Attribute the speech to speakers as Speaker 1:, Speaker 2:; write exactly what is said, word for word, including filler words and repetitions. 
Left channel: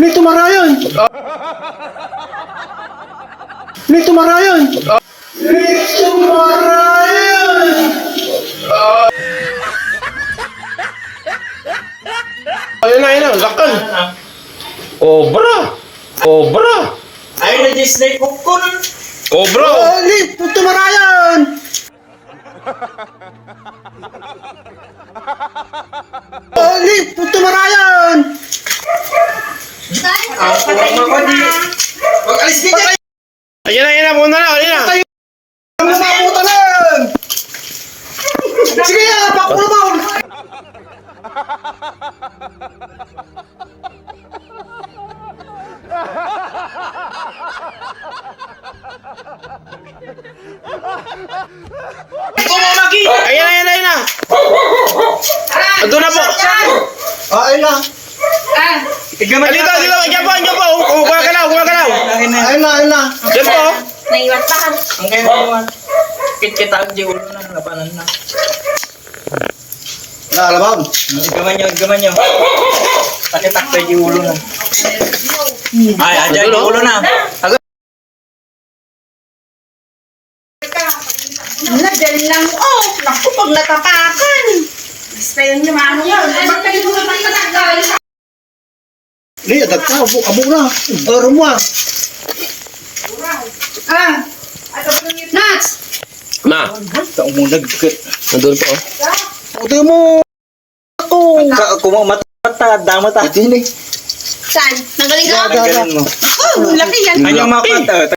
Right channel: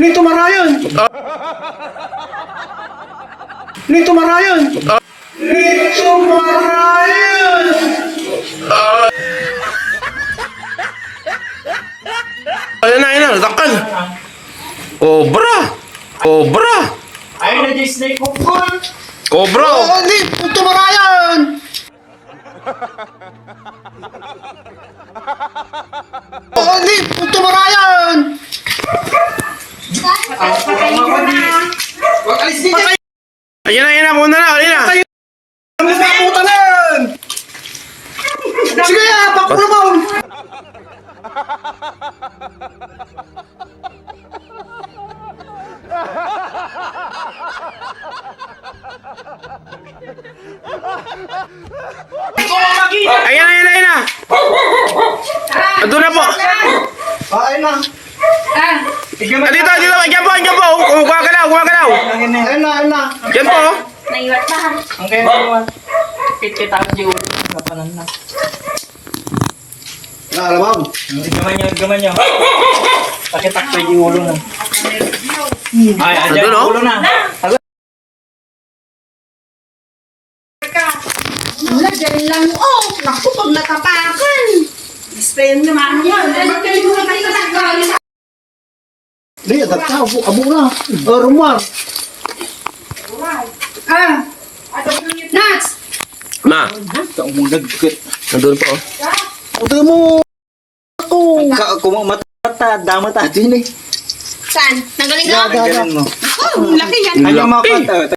Speaker 1: Nih tumarayan. Nih tumarayan. Nih tumarayan.
Speaker 2: Ayun na, ayun na, lakal. Obra. Obra.
Speaker 3: Ayun na, Disney popcorn.
Speaker 2: Obra.
Speaker 1: Oh, nih tumarayan. Oh, nih tumarayan.
Speaker 3: Ah, patayin mo na. Huwag alis din dyan.
Speaker 2: Ayun na, ayun na, muna na, ayun na.
Speaker 1: Ang mabuta na yan. Sige, pakulo mo.
Speaker 3: Ikaw ang makita.
Speaker 2: Ayun na, ayun na, ayun na. Ando na po.
Speaker 1: Ah, ayun na.
Speaker 2: Ah, dito, dito, dyan po, dyan po. Gumagalaw, gumagalaw.
Speaker 1: Ayun na, ayun na.
Speaker 2: Dyan po.
Speaker 4: Naiwat pa.
Speaker 3: Ang kayo mo. Kit-kita ang di ulo na. Labanan na.
Speaker 1: Naalabang.
Speaker 3: Gaman nyo, gaman nyo. Takitak di ulo na. Ay, adyan
Speaker 2: Ano, no?
Speaker 3: ulo na. Agad.
Speaker 4: Wala, dyan lang. Oh, naku, pag natapakan. Spell niyo, mano yun. Bakit kayo mo natapakan?
Speaker 1: Di, adag ka. Abo, abo na. Oh, rumwa.
Speaker 4: Ah, Nuts!
Speaker 2: Ma,
Speaker 3: Taong mo nagkit.
Speaker 2: nandun po.
Speaker 1: Ito mo. Ako.
Speaker 3: Kung mata, damat ah.
Speaker 1: Ito yun eh.
Speaker 4: Saan? Nagaling ka?
Speaker 1: Gaga.
Speaker 3: Galing mo.
Speaker 4: Oh, laki yan.
Speaker 2: Ang
Speaker 3: Ano yung
Speaker 2: laki.
Speaker 3: mga